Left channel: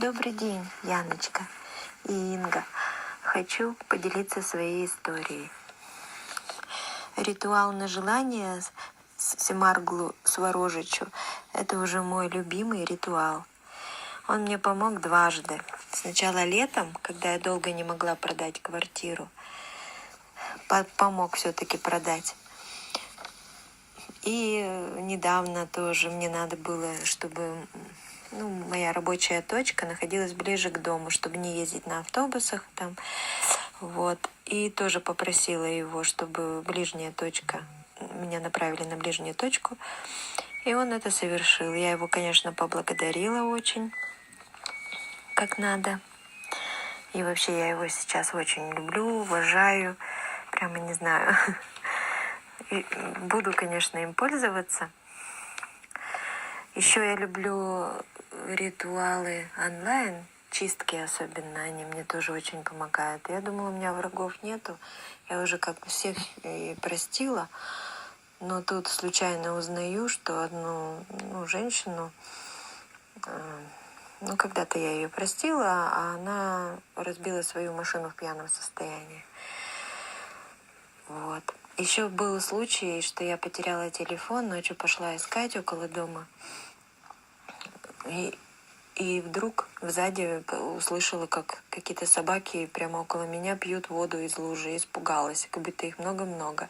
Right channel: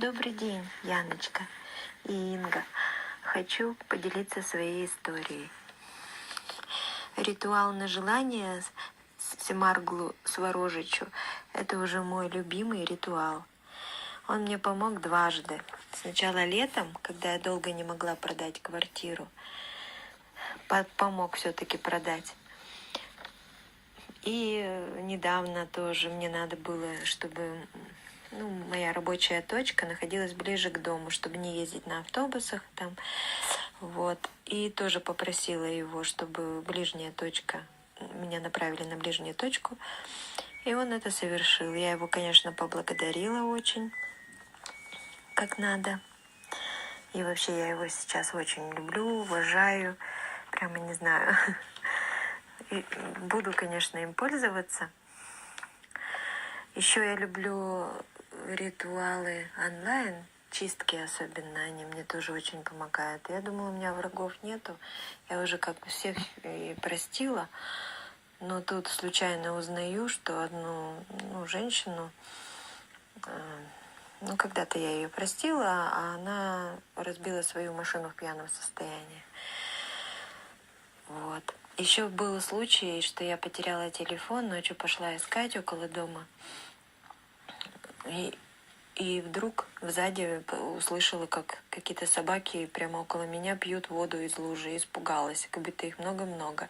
Добрый день, Яночка и Инга. Хочу поделиться своей историей. Ритуал на желание Семарглу Сворожичу — это уже мой любимый ритуал. Он мне помог дважды. Сначала летом, когда я долго не могла продать квартиру, помог все-таки продать. И недавно тоже мне надо было, чтобы моя рабочая точка находилась ближе к дому, чтобы не ездить на автобусах там. Вот. И тоже попросила его, чтобы ближняя точка, меня направили на ближнюю точку. И он это совершил. Я его, конечно, поблагодарила очень, как надо. И вообще я его сейчас очень люблю, уважаю. Прямо не знаю. И буду, конечно, им пользоваться. Еще я люблю ритуалы онлайн, чистки особенно, они мне тоже очень помогают. Я думала, у меня врагов нету, я уже как бы всех и простила, но тут случайно узнаю, что одну женщину, когда-то я ее простила, а она разбила свою машину в пьяном состоянии. Вот. Еще был случай, что я потеряла телефон, ночью пошла искать около дома. И вдруг сзади услышала, как какие-то собаки прямо около меня пьют воду из лужи. Испугалась, как будто их много-много.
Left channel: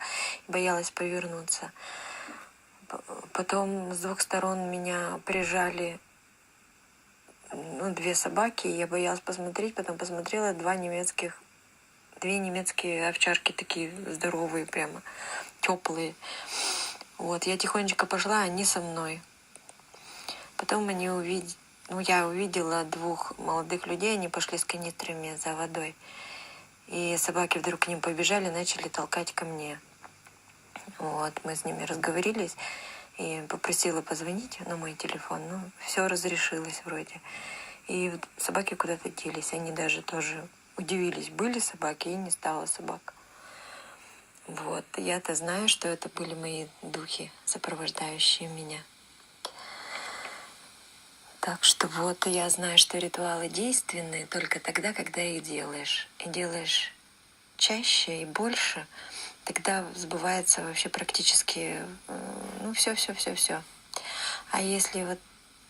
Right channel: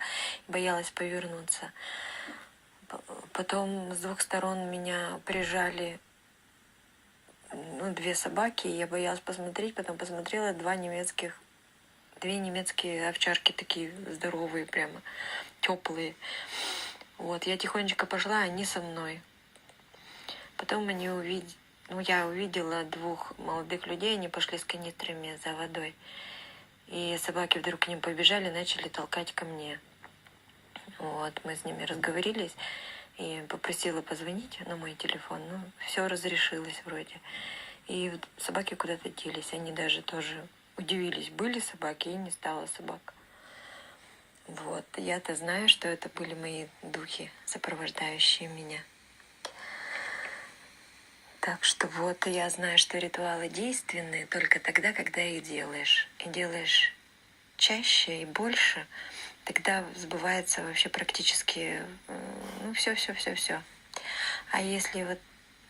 Боялась повернуться. Потом с двух сторон меня прижали две собаки. Я боялась посмотреть, потом посмотрела две немецкие овчарки, такие здоровые прямо, теплые. Вот, я тихонечко пошла, они со мной. Потом я увидела двух молодых людей, они пошли с канистрами за водой. И собаки вдруг к ним побежали, начали толкать ко мне. Вот, мы с ними разговорились и попросила позвонить на мой телефон. Все разрешилось вроде. И собаки куда-то делись. Они даже тоже удивились, были собаки, и не стало собак. Вот, я-то знаю, что это были мои духи, сопровождающие меня. Так что вот я знаю, что ритуалы действенны только тогда, когда их делаешь. И делаешь чаще и больше, тогда сбывается вообще практически все. А если вот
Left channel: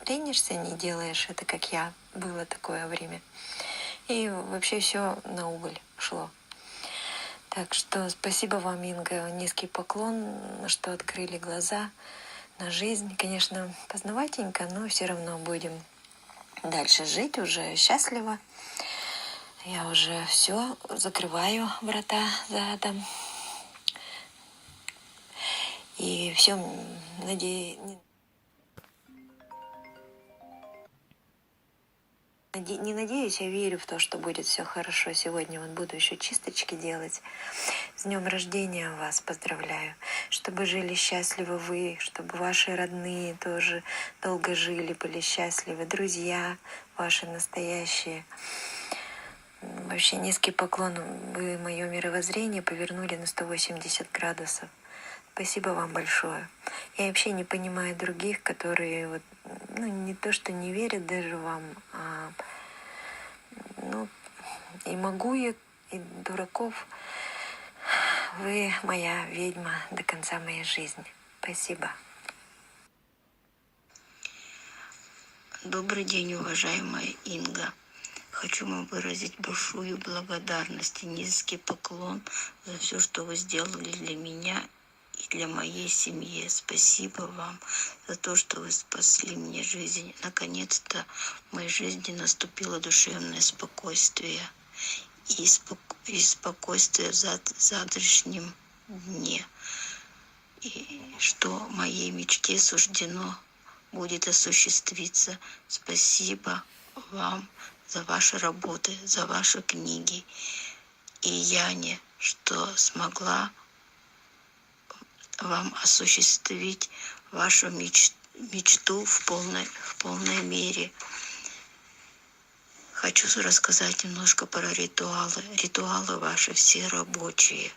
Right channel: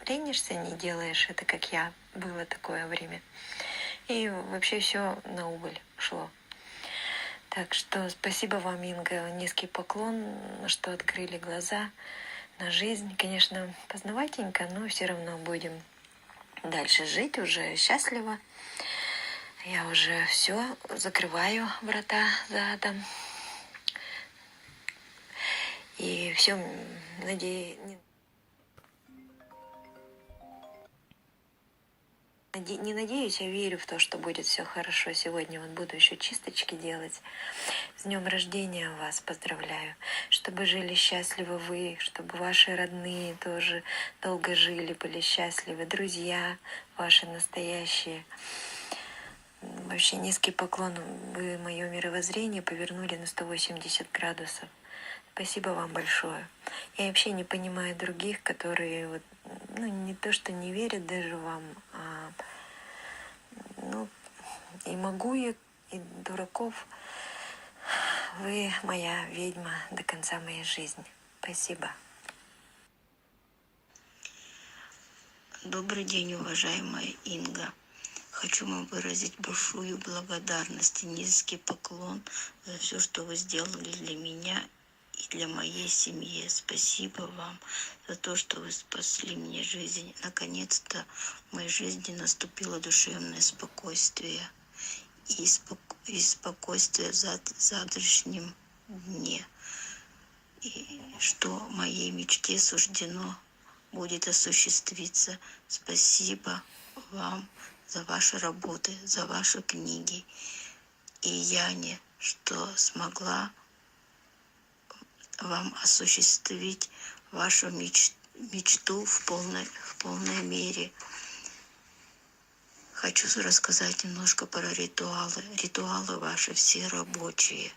ленишься, не делаешь это, как я, было такое время, и вообще все на убыль шло. Так что спасибо вам, Инга, низкий поклон, что открыли глаза на жизнь. Конечно, познаватенько, но все равно будем дальше жить уже счастливо. Я уже все закрываю врата задом. И все, не надеюсь, я верю в то, что будет все хорошо. Сегодня вот буду еще чисточки делать. С днем рождения вас поздравляю. Чтобы жили счастливы вы, чтобы ваши родные тоже долго жили, были счастливы. Друзья ваши настоящие. Вообще низкий поклон. Вы мое мировоззрение повернули на 180 градусов. Спасибо вам большое. Я вообще не понимаю других, которые не то что не верят даже вам, а и могу я, и дураков. Вы моя ведьма до конца моей жизни. Спасибо. Добрый день, уважаемая Инга. Хочу вам выразить большую благодарность и низкий поклон за все, что вы сделали для меня и для моей семьи. Спасибо вам за то, что вы спасли мне жизнь. Наконец-то в моей жизни наступило душевное спокойствие и спокойствие в завтрашнем дне. И что моей мечте суждено будет осуществиться. Спасибо вам за ваши работы, за ваши книги. И Яне, что смогла вам осуществить вашу мечту в полной мере. Хочу рассказать немножко про ритуалы. Ритуалы ваши все рабочие.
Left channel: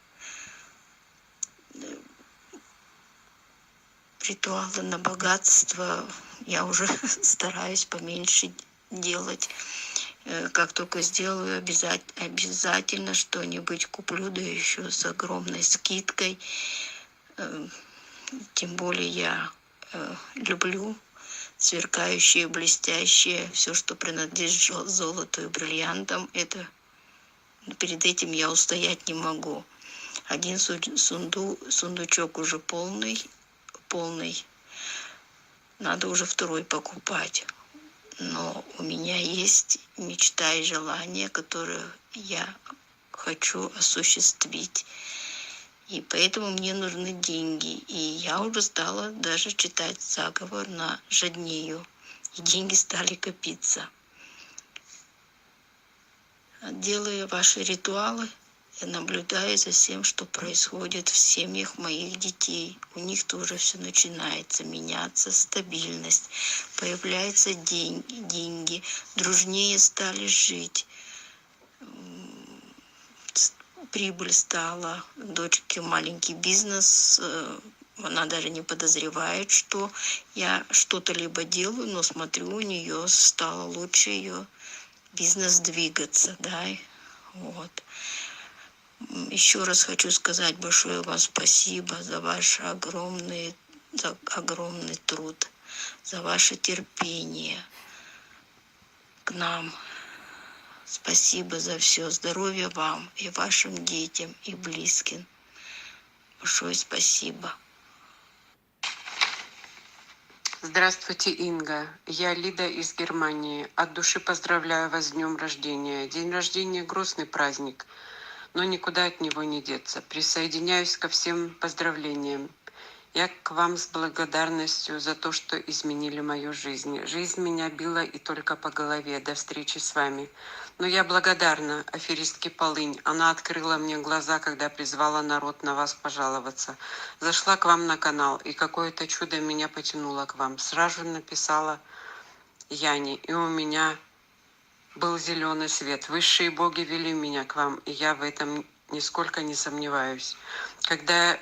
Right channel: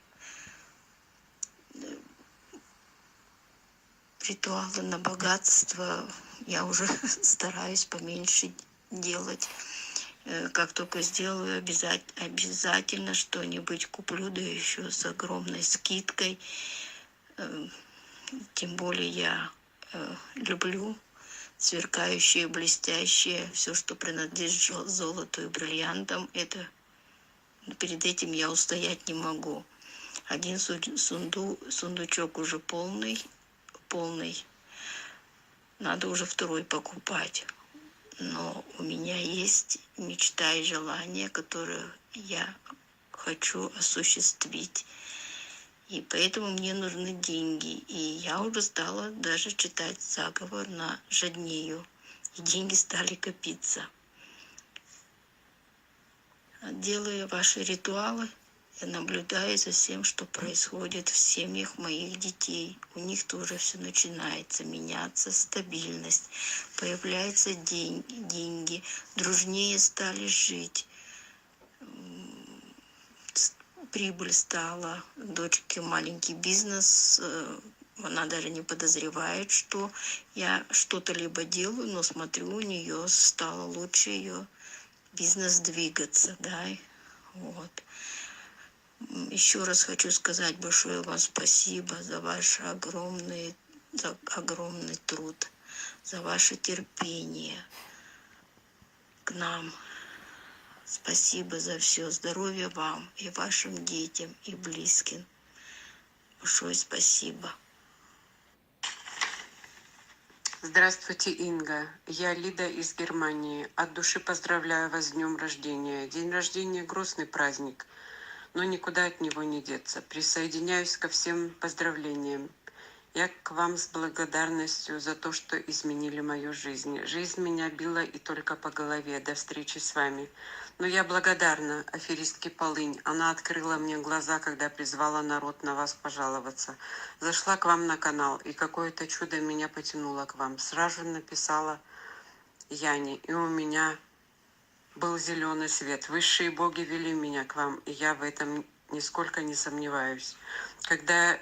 Ритуалы на богатство я уже стараюсь поменьше делать. Как только сделаю, обязательно что-нибудь куплю, да еще с огромной скидкой. Тем более я люблю сверкающее, блестящее, все, что принадлежит золоту и бриллиантам. Это перед этим я устоять не могу. Один сундучок уже полный. Надо уже второй покупать. Но у меня есть мечта и желание, которые я хочу осуществить. И поэтому мне нужны деньги. И я уже стала даже читать заговор на Жаднею. И деньги стали копиться. Делая ваши ритуалы, я наблюдаю за всем, что происходит в семьях моих детей. У них тоже все начинается меняться, стабильность, появляются деньги, дружнее стали жить. Прибыль стала, дочке маленький бизнес, она даже не подозревает, что я что-то либо делаю, но смотрю, у нее стало лучше ее бизнес двигаться, да, вот. Еще раз хочу сказать большое вам спасибо за огромный труд, за ваше терпение к нам. Спасибо за все. Здоровья вам и вашим детям и близким. Большое спасибо. Здравствуйте, Инга. Я Лида из Германии. От души поздравляю вас с днем рождения. День рождения – грустный праздник, но никуда от него не деться. Присоединяюсь ко всем поздравлениям. Я к вам с благодарностью за то, что изменили мою жизнь. Жизнь меня била и только по голове. До встречи с вами. Но я благодарна аферистке Полынь. Она открыла мне глаза, когда призвала народ на вас пожаловаться. Зашла к вам на канал, и какое-то чудо меня потянуло к вам. Сразу написала Яне, и у меня был зеленый свет. Высшие боги вели меня к вам, и я в этом нисколько не сомневаюсь. Когда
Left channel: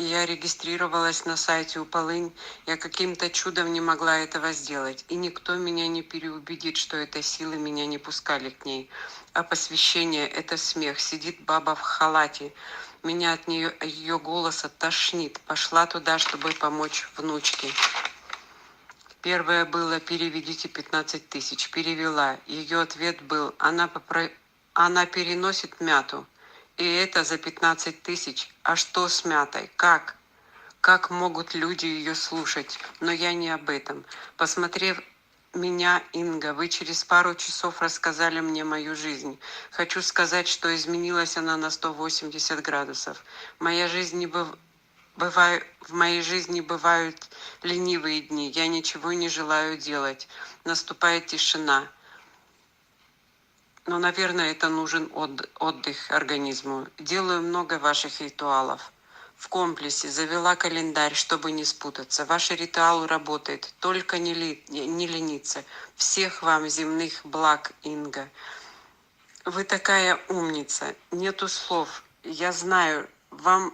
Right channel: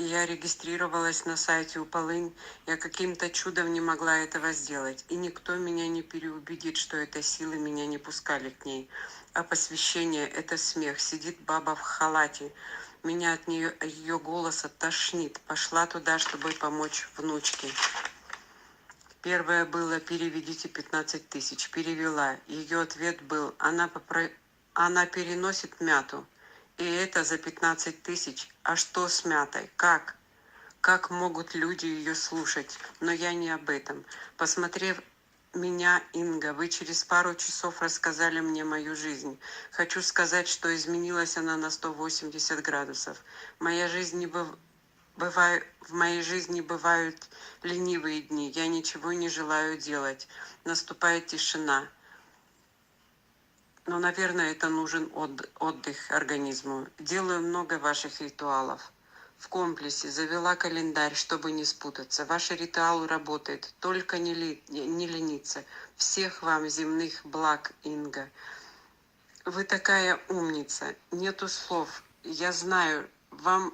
я регистрировалась на сайте у Полынь, я каким-то чудом не могла этого сделать. И никто меня не переубедит, что это силы меня не пускали к ней. А посвящение – это смех. Сидит баба в халате. Меня от ее голоса тошнит. Пошла туда, чтобы помочь внучке. Первое было: переведите 15 тысяч. Перевела. Ее ответ был: она переносит мяту. И это за 15 тысяч. А что с мятой? Как? Как могут люди ее слушать? Но я не об этом. Посмотрев меня, Инга, вы через пару часов рассказали мне мою жизнь. Хочу сказать, что изменилась она на 180 градусов. В моей жизни бывают ленивые дни. Я ничего не желаю делать. Наступает тишина. Но, наверное, это нужен отдых организму. Делаю много ваших ритуалов. В комплексе завела календарь, чтобы не спутаться. Ваш ритуал работает. Только не лениться. Всех вам земных благ, Инга. Вы такая умница. Нету слов. Я знаю, вам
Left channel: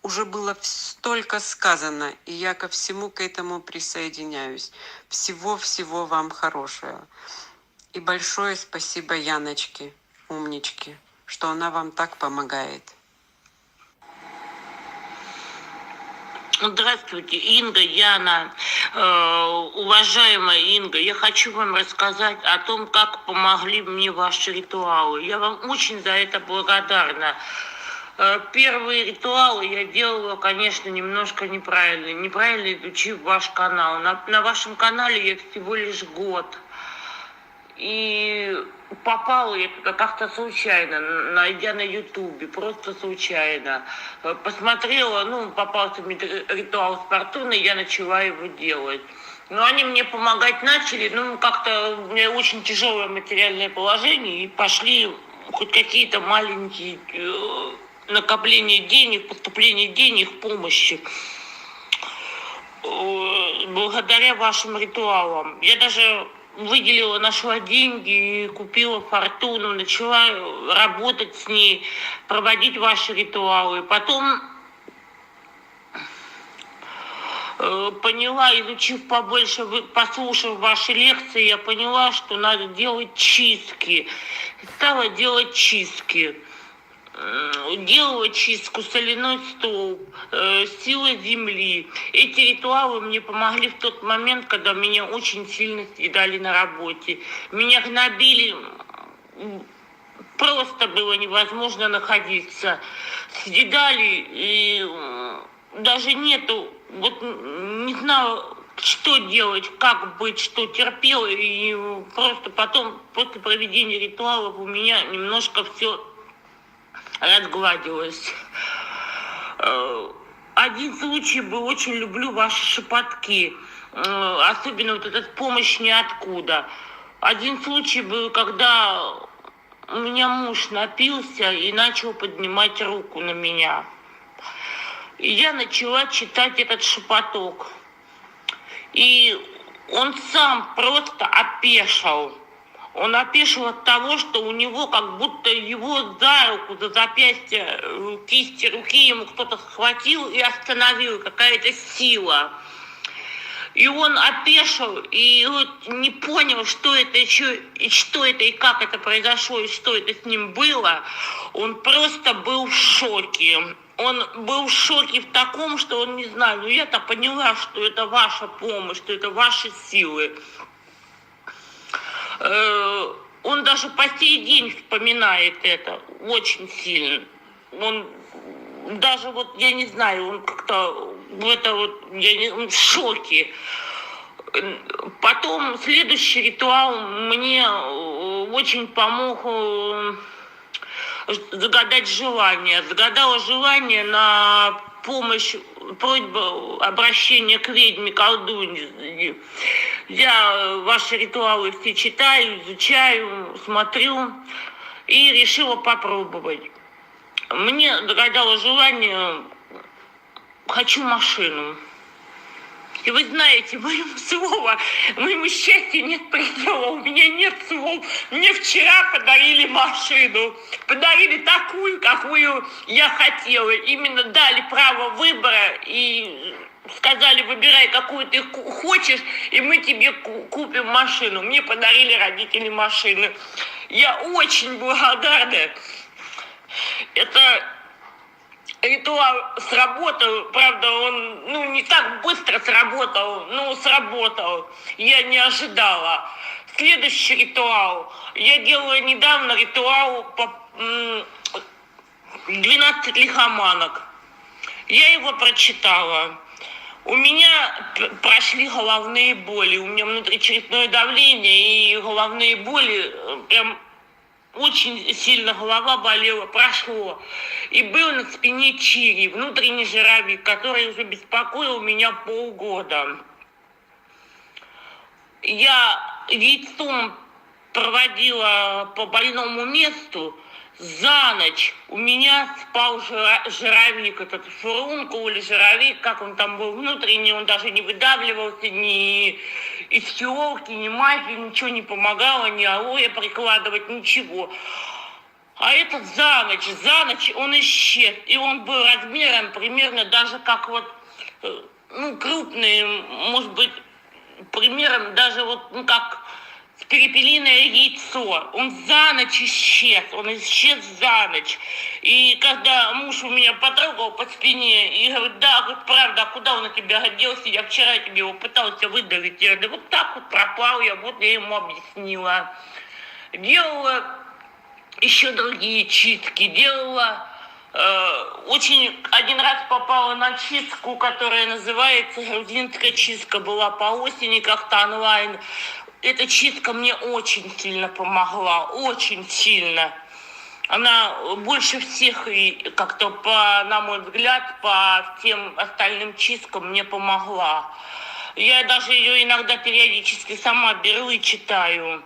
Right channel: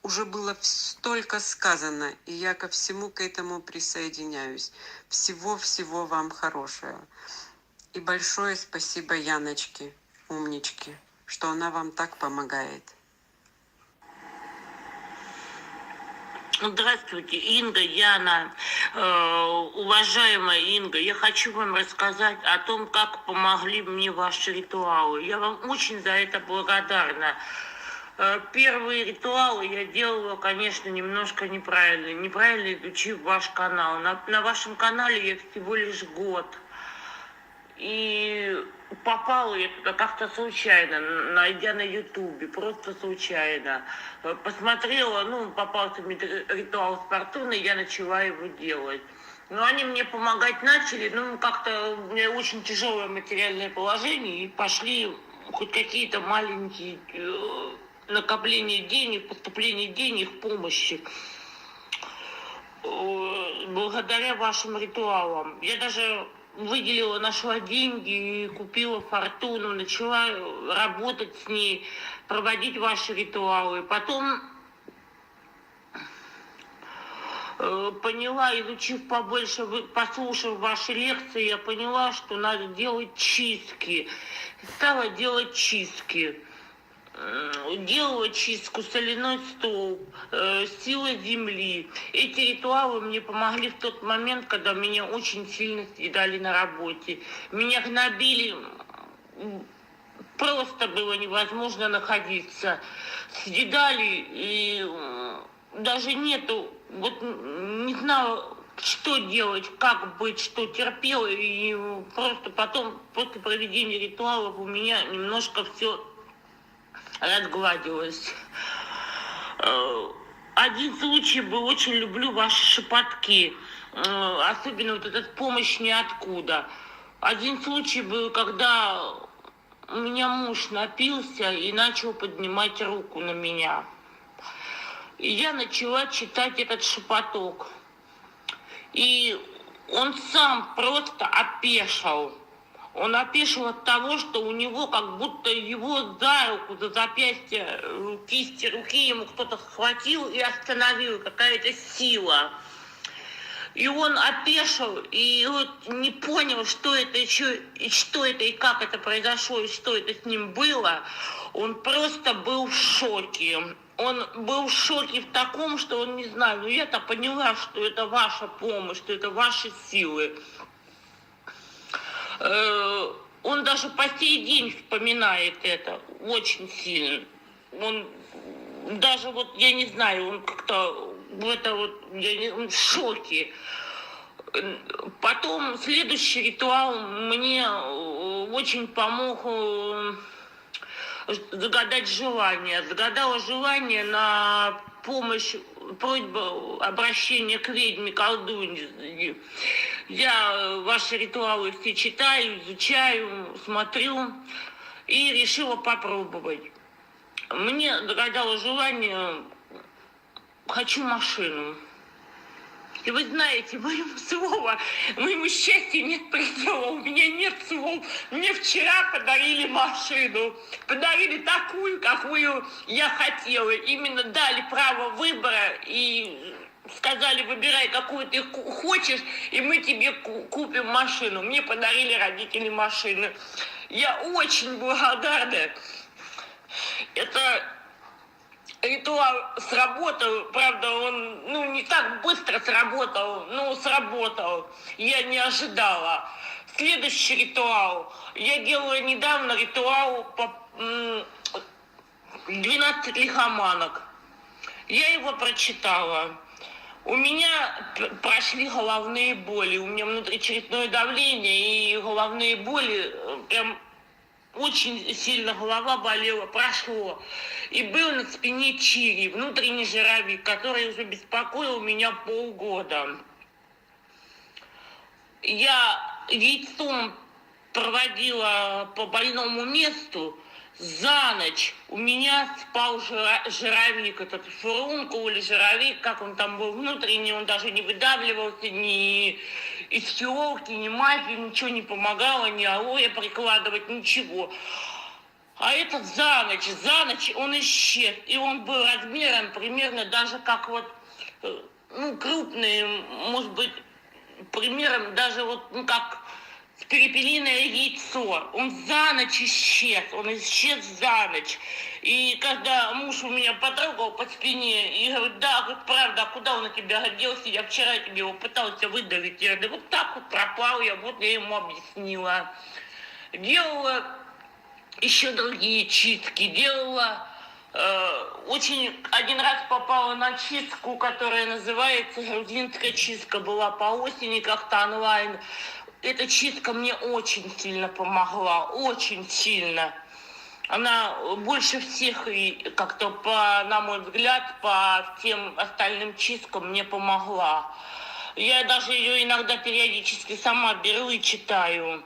уже было столько сказано, и я ко всему к этому присоединяюсь. Всего-всего вам хорошего. И большое спасибо Яночке, умничке, что она вам так помогает. Здравствуйте, Инга, Яна. Уважаемая Инга, я хочу вам рассказать о том, как помогли мне ваши ритуалы. Я вам очень за это благодарна. Первые ритуалы я делала, конечно, немножко неправильно изучив ваш канал. На вашем канале я всего лишь год. И попала я туда как-то случайно, найдя на Ютубе, просто случайно. Посмотрела, попался мне ритуал с фортуной, я начала его делать. Но они мне помогать начали, как-то у меня очень тяжелое материальное положение, и пошли хоть какие-то маленькие накопления денег, поступления денег, помощи. Благодаря вашим ритуалам. Я даже нашла деньги, купила фортуну, начала работать с ней, проводить ваши ритуалы. Потом поняла, изучив побольше, послушав ваши лекции, я поняла, что надо делать чистки. Стала делать чистки. Делала чистку, соляной столб, сила земли. Эти ритуалы мне помогли в тот момент, когда меня очень сильно съедали на работе. Меня гнобили, просто было невозможно находиться. Съедали, и даже нету, вот не знала, что делать, как быть, что терпела. И просто потом, после проведения ритуалов, у меня немножко все разгладилось. Один случай был, очень люблю ваши шепотки, особенно вот этот «помощь ниоткуда». Один случай был, когда у меня муж напился и начал поднимать руку на меня. И я начала читать этот шепоток. И он сам просто опешил. Он опешил от того, что у него как будто его за руку, за запястье, кисти руки ему кто-то схватил и остановил, какая-то сила. И он опешил, и вот не понял, что это еще, и что это, и как это произошло, и что это с ним было. Он просто был в шоке. Он был в шоке в таком, что он не знаю, но я-то поняла, что это ваша помощь, что это ваши силы. Он даже по сей день вспоминает это очень сильно. Он даже вот, я не знаю, он как-то в это вот, он в шоке. Потом следующий ритуал мне очень помог загадать желание. Загадала желание на помощь, просьбу обращения к ведьме, колдунье. Я ваши ритуалы все читаю, изучаю, смотрю и решила попробовать. Мне загадало желание, хочу машину. И вы знаете, моему счастью нет предела, у меня нет слов. Мне вчера подарили машину, подарили такую, какую я хотела. Именно дали право выбора и сказали, выбирай, какую ты хочешь, и мы тебе купим машину. Мне подарили родители машины. Я очень благодарна. Это ритуал сработал, правда, он не так быстро сработал, но сработал. Я не ожидала. Следующий ритуал. Я делала недавно ритуал по 12 лихоманок. Я его прочитала. У меня прошли головные боли, у меня внутричерепное давление и головные боли, прям очень сильно голова болела, прошло. И был на спине чири, внутренний жировик, который уже беспокоил меня полгода. Я яйцом проводила по больному месту. За ночь у меня спал жировик, этот фурункул или жировик, как он там был внутренний, он даже не выдавливался, ни из фиолки, ни мази, ничего не помогало, ни алоэ прикладывать, ничего. А этот за ночь он исчез, и он был размером примерно даже как вот, крупный, может быть, примером даже вот, как перепелиное яйцо. Он за ночь исчез, за ночь. И когда муж у меня потрогал по спине и говорит, да, говорит, правда, а куда он от тебя делся? Я вчера тебе его пытался выдавить. Я говорю, вот так вот пропал я, вот я ему объяснила. Делала еще другие чистки, делала... Очень один раз попала на чистку, которая называется грузинская чистка, была по осени как-то онлайн. Эта чистка мне очень сильно помогла, очень сильно. Она больше всех, и как-то, на мой взгляд, по всем остальным чисткам мне помогла. Я даже ее иногда периодически сама беру и читаю.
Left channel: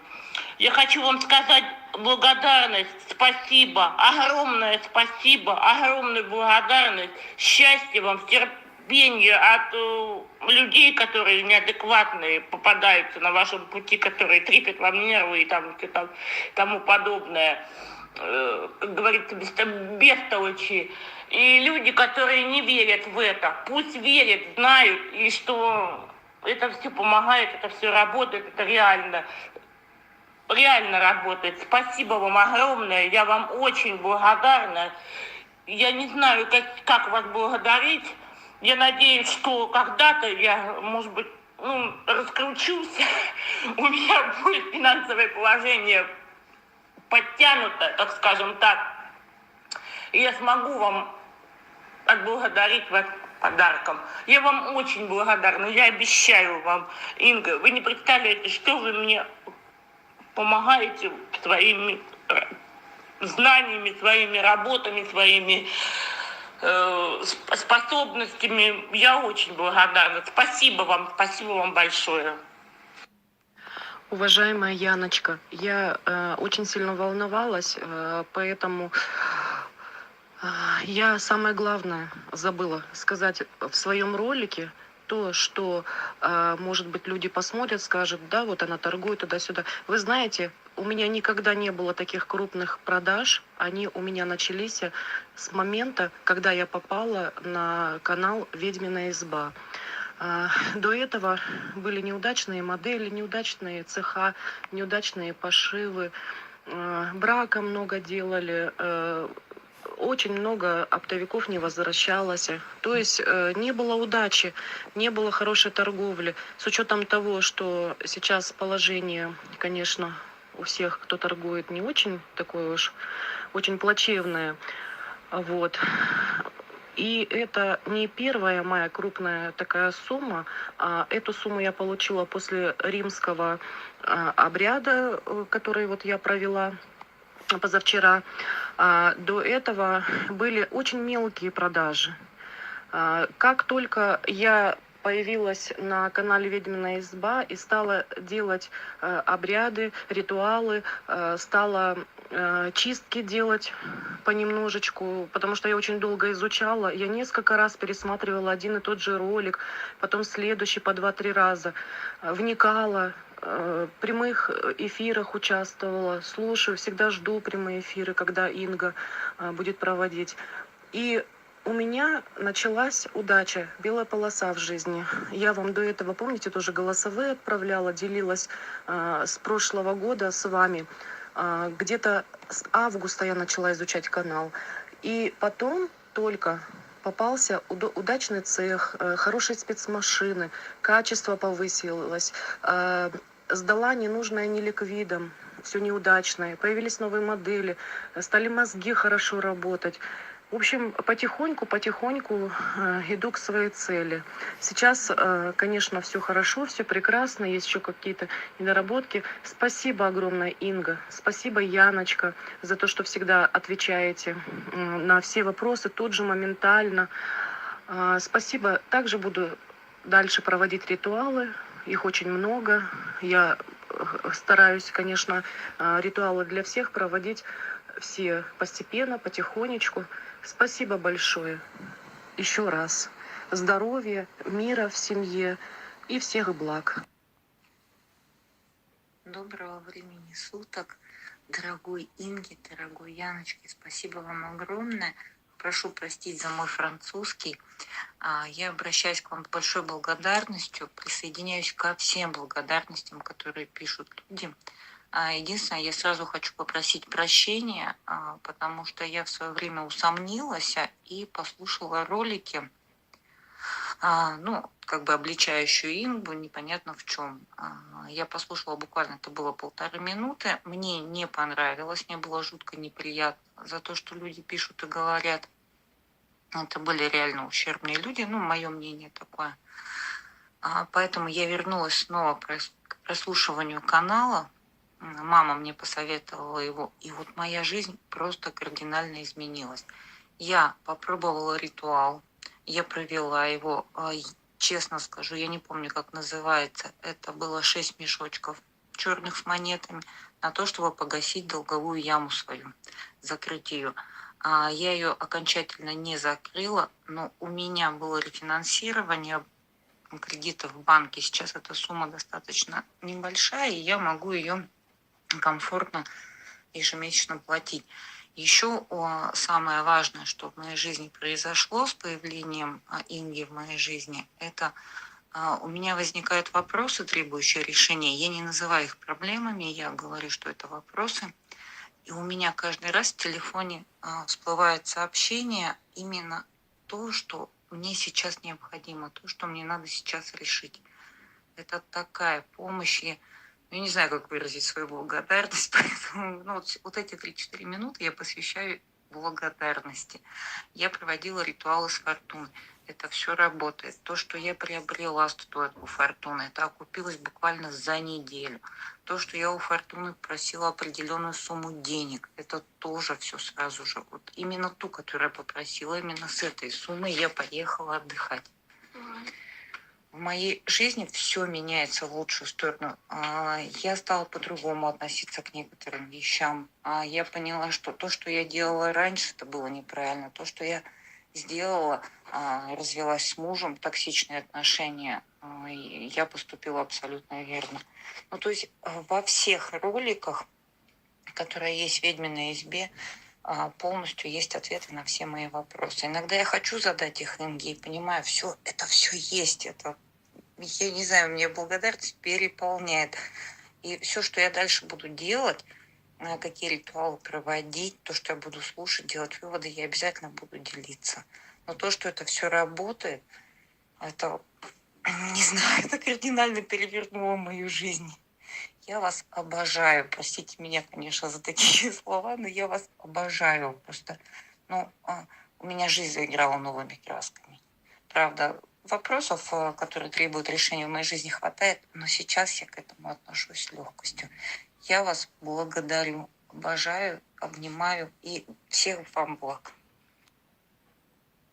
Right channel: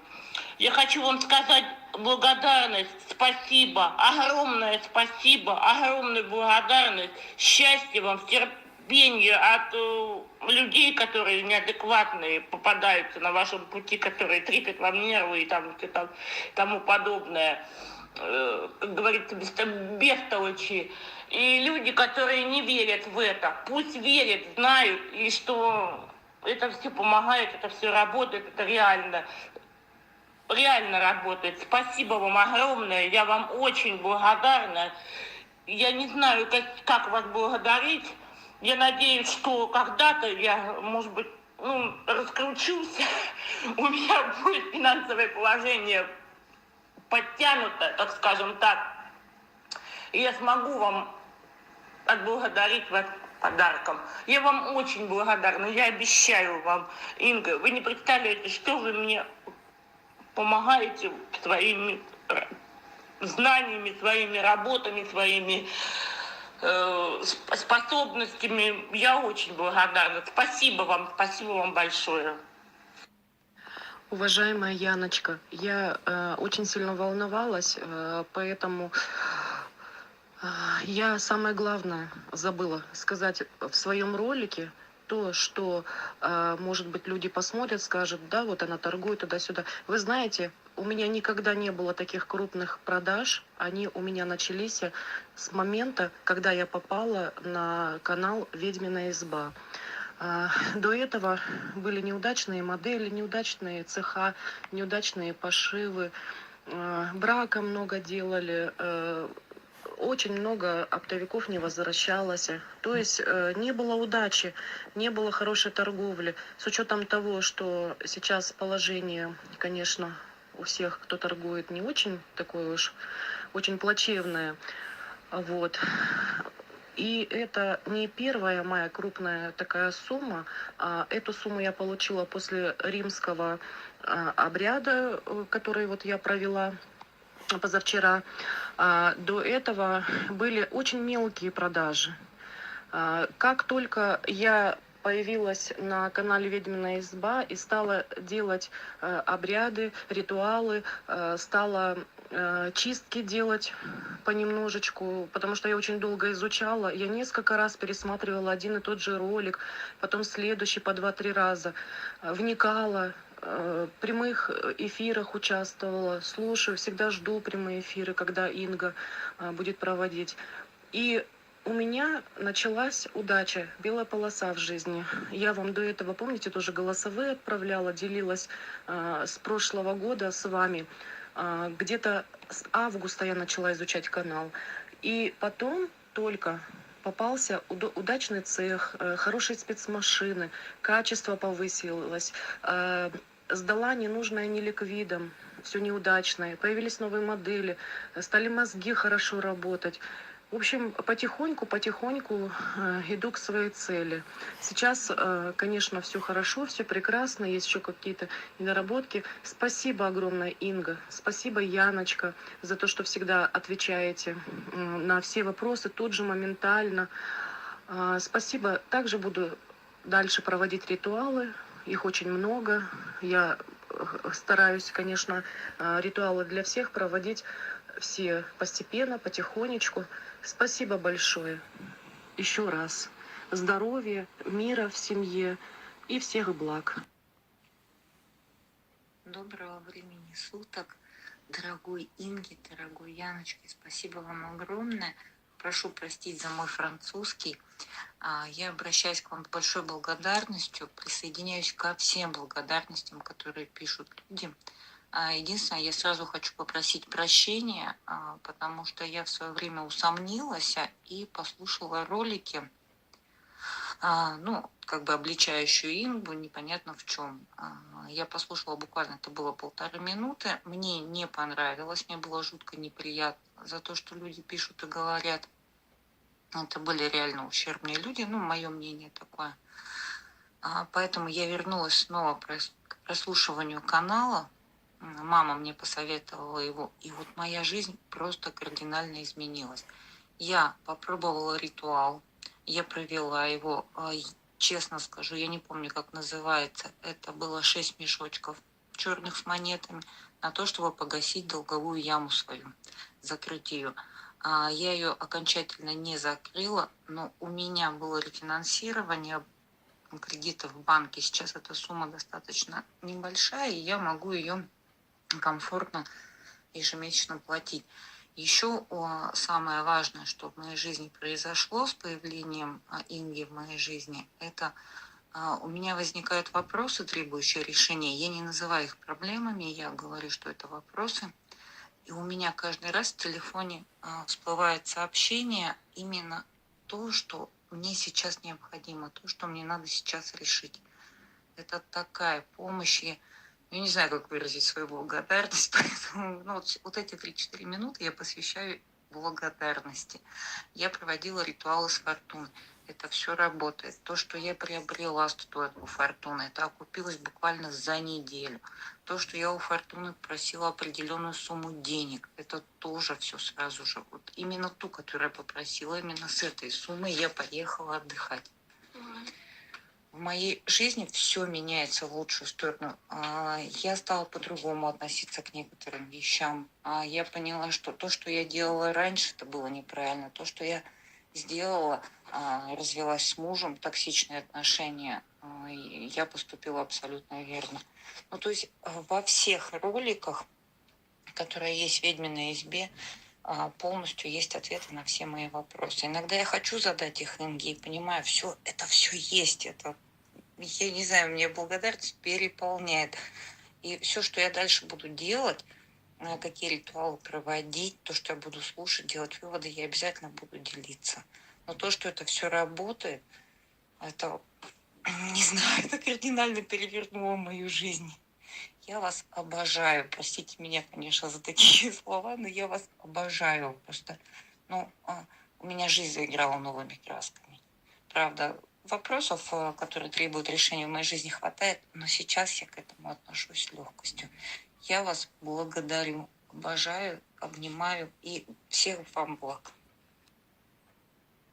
Я хочу вам сказать благодарность, спасибо, огромное спасибо, огромная благодарность, счастья вам, терпения от людей, которые неадекватные попадаются на вашем пути, которые трепят вам нервы и тому подобное. как говорится, бестолочи. И люди, которые не верят в это, пусть верят, знают, и что это все помогает, это все работает, это реально работает. Спасибо вам огромное, я вам очень благодарна. Я не знаю, как вас благодарить. Я надеюсь, что когда-то я, может быть, раскручусь, у меня будет финансовое положение подтянуто, так скажем так, и я смогу вам отблагодарить вас подарком. Я вам очень благодарна, я обещаю вам, Инга, вы не представляете, что вы мне помогаете своими знаниями, своими работами, своими способностями. Я очень благодарна. Спасибо вам большое. Уважаемая Яночка, я очень сильно волновалась, поэтому я самое главное забыла сказать в своем ролике. То, что, может быть, люди посмотрят, скажут, да, вот она торгует туда-сюда. Вы знаете, у меня никогда не было таких крупных продаж. Они у меня начались с момента, когда я попала на канал «Ведьмина изба». До этого были неудачные модели, неудачные цеха, неудачные пошивы, брака много делали, очень много оптовиков не возвращалось. То есть не было удачи, не было хорошей торговли. С учетом того, что сейчас положение, конечно, у всех, кто торгует, не очень такое уж, очень плачевное. Вот. И это не первая моя крупная такая сумма. Эту сумму я получила после римского обряда, который вот я провела позавчера. До этого были очень мелкие продажи. Как только я появилась на канале «Ведьмина изба» и стала делать обряды, ритуалы, стала чистки делать понемножечку, потому что я очень долго изучала. Я несколько раз пересматривала один и тот же ролик, потом следующий по 2-3 раза. Вникала, в прямых эфирах участвовала, слушаю, всегда жду прямые эфиры, когда Инга будет проводить. И у меня началась удача, белая полоса в жизни. Я вам до этого, помните, тоже голосовые отправляла, делилась с прошлого года с вами. Где-то с августа я начала изучать канал. И потом только попался удачный цех, хорошие спецмашины, качество повысилось, сдала ненужное неликвидом, все неудачное, появились новые модели, стали мозги хорошо работать. В общем, потихоньку иду к своей цели. Сейчас, конечно, все хорошо, все прекрасно, есть еще какие-то недоработки. Спасибо огромное, Инга, спасибо, Яночка, за то, что всегда отвечаете на все вопросы тут же, моментально. Спасибо. Также буду дальше проводить ритуалы, их очень много. Я стараюсь, конечно, ритуалы для всех проводить все постепенно, потихонечку. Спасибо большое. Еще раз. Здоровья, мира в семье и всех благ. Доброго времени суток, дорогой Инге, дорогой Яночке. Спасибо вам огромное. Прошу простить за мой французский. Я обращаюсь к вам с большой благодарностью, присоединяюсь ко всем благодарностям, которые пишут люди. Единственное, я сразу хочу попросить прощения, потому что я в свое время усомнилась и послушала ролики, обличающую Ингу, непонятно в чем. Я послушала буквально, это было 1,5 минуты. Мне не понравилось, мне было жутко неприятно за то, что люди пишут и говорят. Это были реально ущербные люди, мое мнение такое. Поэтому я вернулась снова к прослушиванию канала. Мама мне посоветовала его, и вот моя жизнь просто кардинально изменилась. Я попробовала ритуал, я провела его, честно скажу, я не помню, как называется. Это было 6 мешочков черных с монетами на то, чтобы погасить долговую яму свою, закрыть ее. Я ее окончательно не закрыла, но у меня было рефинансирование кредитов в банке. Сейчас эта сумма достаточно небольшая, и я могу ее комфортно ежемесячно платить. Еще самое важное, что в моей жизни произошло с появлением Инги в моей жизни, это у меня возникают вопросы, требующие решения. Я не называю их проблемами, я говорю, что это вопросы. И у меня каждый раз в телефоне всплывает сообщение именно то, что мне сейчас необходимо, то, что мне надо сейчас решить. Это такая помощь. Я не знаю, как выразить свою благодарность, поэтому вот эти 3-4 минуты я посвящаю благодарности. Я проводила ритуалы с фортуной. Это все работает. То, что я приобрела статуэтку фортуны, это окупилось буквально за неделю. То, что я у фортуны просила определенную сумму денег, это тоже все сразу же. Вот именно ту, которую я попросила, именно с этой суммой я поехала отдыхать. В моей жизни все меняется в лучшую сторону. Я стала по-другому относиться к некоторым вещам. Я поняла, что то, что я делала раньше, это было неправильно. То, что я сделала, развелась с мужем, токсичные отношения, я поступила абсолютно верно. Ну, то есть во всех роликах, которые есть в «Ведьминой избе», полностью есть ответы на все мои вопросы. Иногда я хочу задать их Инге и понимаю, это все есть, это, я не знаю, мне благодарность переполняет. И все, что я дальше буду делать, какие ритуалы проводить, то, что я буду слушать, делать выводы, я обязательно буду делиться. Но то, что это все работает, это, не знаю, это кардинально перевернуло мою жизнь. Я вас обожаю. Простите меня, конечно, за такие слова, но я вас обожаю. Просто, у меня жизнь заиграла новыми красками. Правда, вопросов, которые требуют решения в моей жизни, хватает, но сейчас я к этому отношусь с легкостью. Я вас благодарю, обожаю, обнимаю и всех вам благ.